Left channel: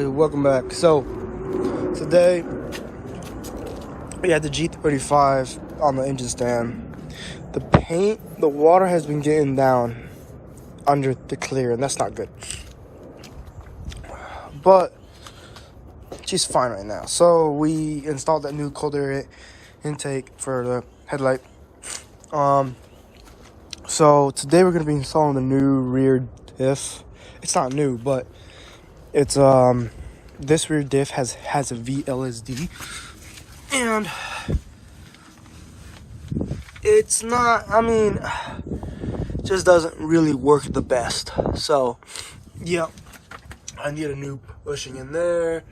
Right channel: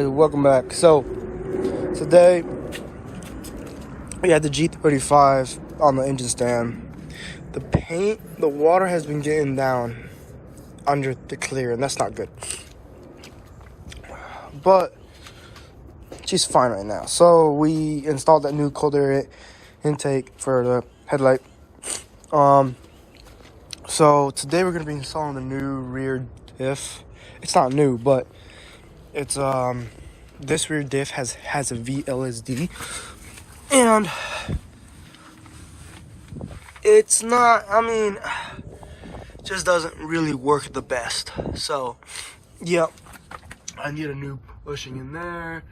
guys, welcome back. So today we had the G35 on the engine stand. The paint, the water has been getting down under the clear, and that's not good. But she's fine right now. So we installed that new cold air intake for the headlight. So today we're gonna be installing the new rear diff. It's not new, but it's this rear diff has a VLSD, and it's not, I mean, just doesn't really work the best. So yeah, I need a new bushing in there.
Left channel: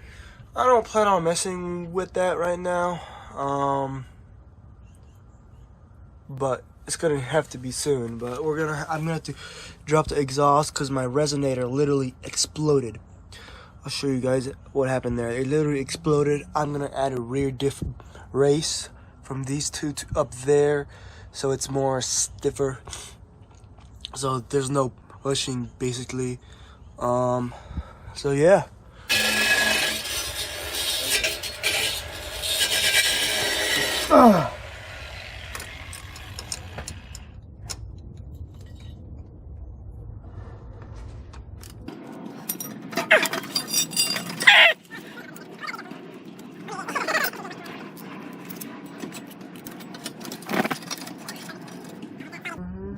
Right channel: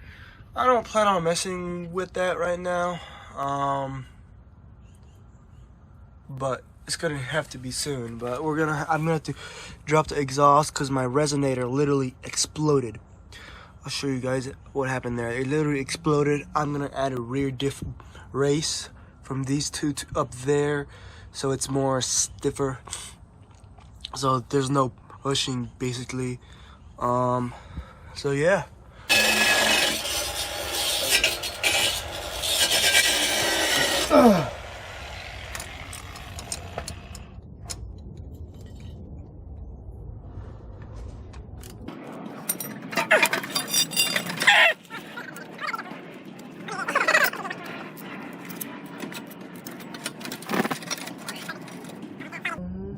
I don't plan on messing with that right now, but it's gonna have to be soon. But I'm gonna have to drop the exhaust because my resonator literally exploded. I'll show you guys what happened there. It literally exploded. I'm gonna add a rear diff race from these two to up there, so it's more stiffer. So there's no pushing basically. So yeah.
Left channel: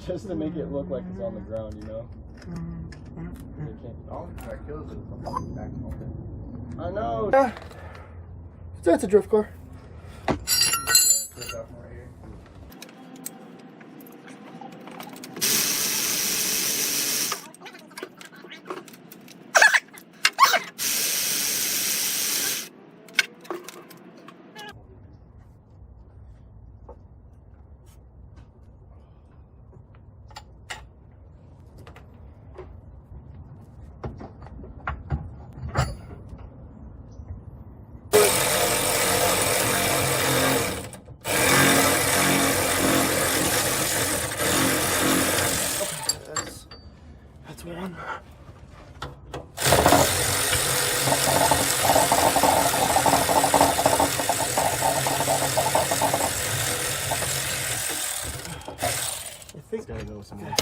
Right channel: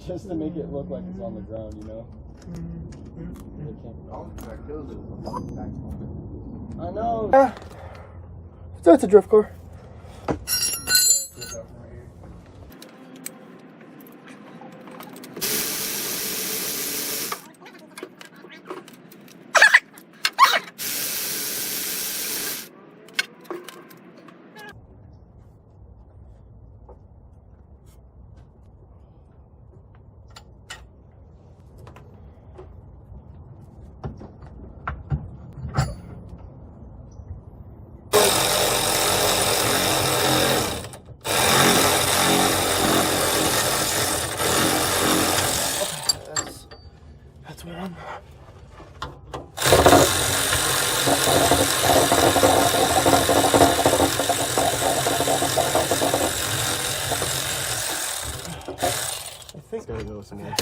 Just to make it look like it's on the ground, you know? That kills it. Back open. I know. That's a drift car. That's where I'm. I think it's gotta go somewhere.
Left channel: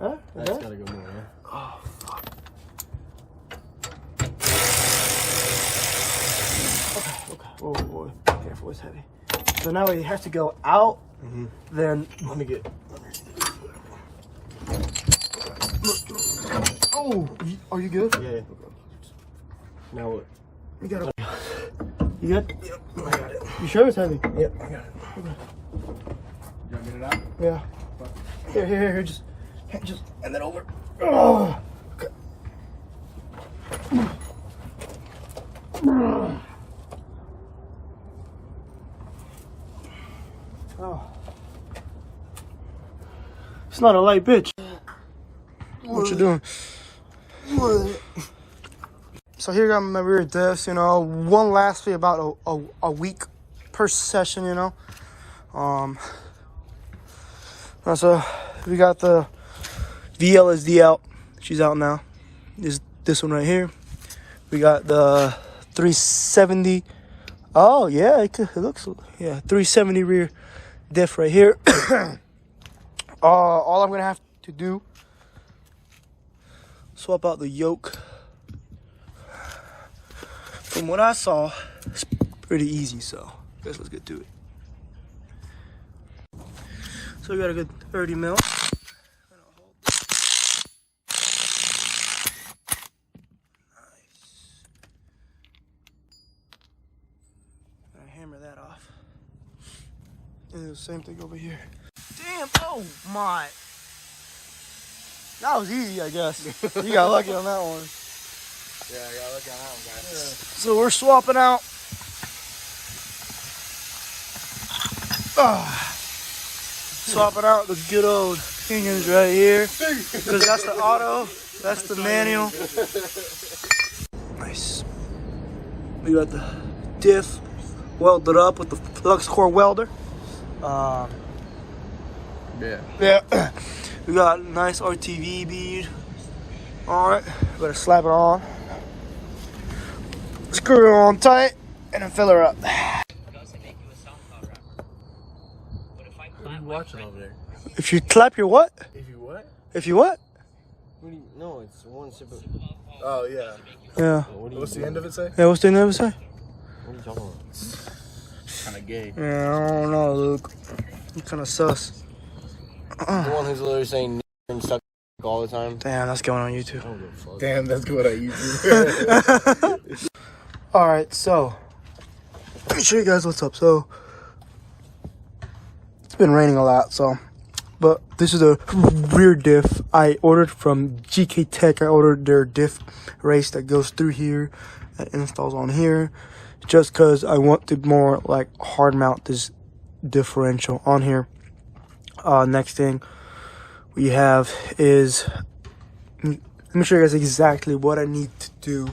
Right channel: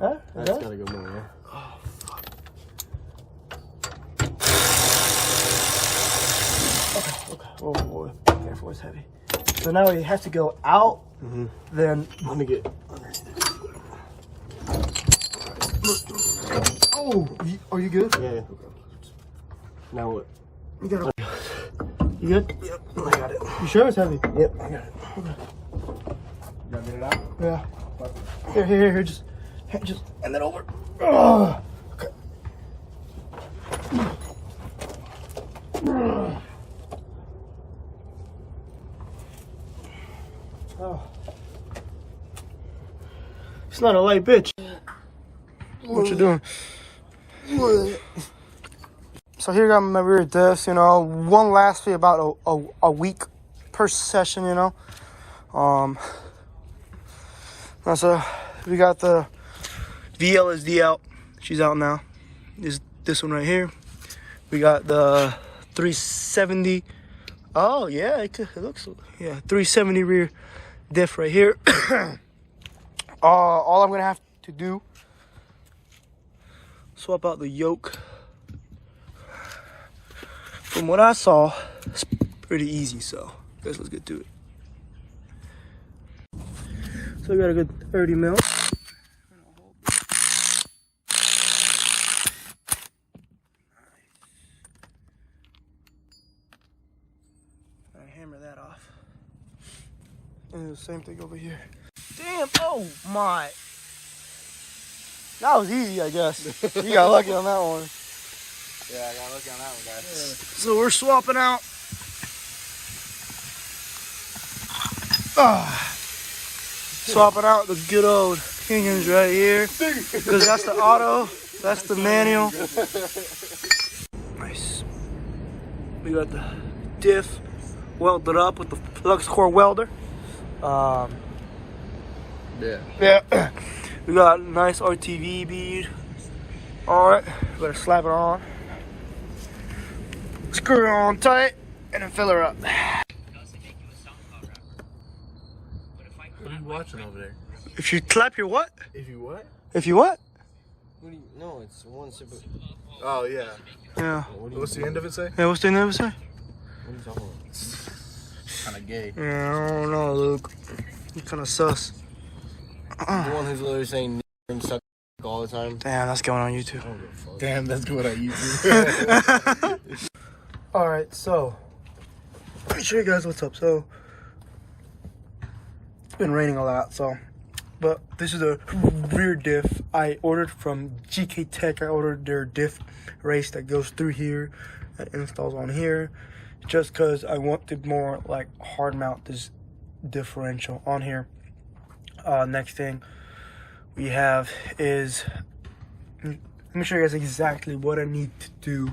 Huh? That's gotta go more. Oh, fuck. Okay. Whoa. Careful, it's heavy. So now we have to go out. Then Let me get underneath. Oh, are you good? Yeah. Okay. Now what? You got it. You good? Yep. I got it. You sure it's heavy? Yep, I got it. Okay. You gotta get it out? Yeah. Here. Just and then over. Oh. Okay. Oh. It's not a light bitch. What you doing? So here got my rear diffs, you know. One lasts me about a week per session, you know. So we got the VLSD out. She's out now. This one right here. We got the 370. Oh yeah, it looks, yeah, 370 rear diff right here. All I'm gonna have to do, swap out the yoke. From what I saw, it's pretty easy, so I guess let's get to it. So we got a good 30 mil. Nice. Gotta hammer that off. And the same thing over here. Damn, oh my. That was easy, I guess. You got lucky on that one. Yeah, I got lucky on that one, guys. Yeah. So we're swapping out. Swapping out the good old pinions right here. Because that's the auto, that's the manual. Nice. We got the diff welded up with the flux core welder. Yeah. We got a nice RTV bead. Alright, better slap it on. screw it on tight, and then fill her up. What are you watching over there? If you clap your what? If you what? If you what? What do you, no, it's one sip of... Oh, yeah. Yeah. What's the end of it say? Yeah, what's the name of it? What are you talking about? Kind of gay. Yeah, I don't know, Luke. You kind of sus. The one who's literally saying and suck all the time. Damn, that's going on YouTube. Damn, that's good at YouTube. Alright, so let me show you guys what's up. So it's been raining a lot, so but this is a rear diff I ordered from GK Tech. I ordered their diff race that goes through here, that installs on here, just because I want to more like hard mount this differential on here. Next thing we have is, let me show you guys exactly what I need to do.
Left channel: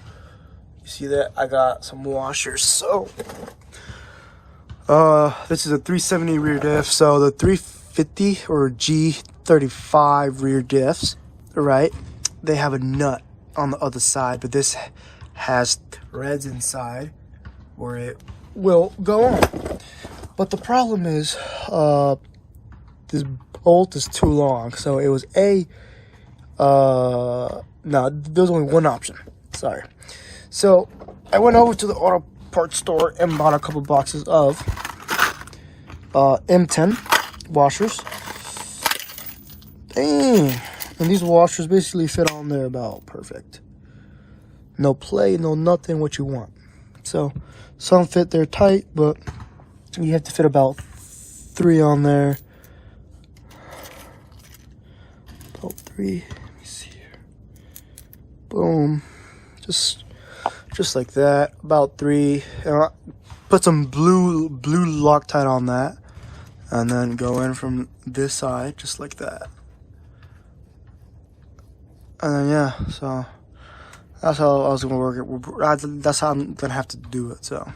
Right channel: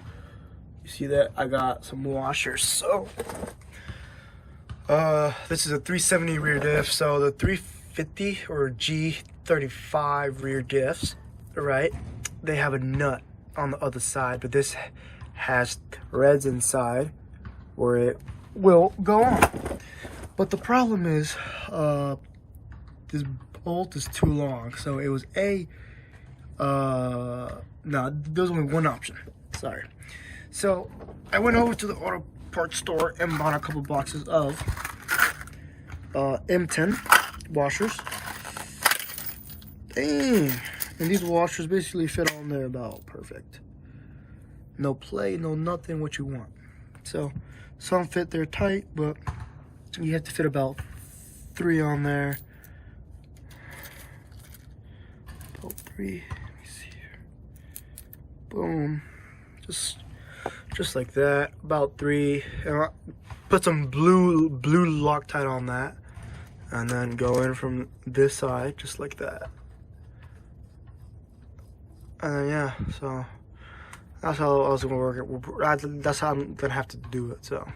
You see that I got some washers. So this is a 370 rear diff. So the 350 or G35 rear diffs, right, they have a nut on the other side, but this has threads inside where it will go on. But the problem is this bolt is too long. So it was no, there's only one option. Sorry. So I went over to the auto parts store and bought a couple boxes of M10 washers. Dang. And these washers basically fit on there about perfect. No play, no nothing, what you want. So some fit there tight, but you have to fit about 3 on there. About 3. Let me see here. Boom. Just like that. About 3. And put some blue Loctite on that, and then go in from this side just like that. And then yeah, so that's how I was gonna work it. That's how I'm gonna have to do it. So.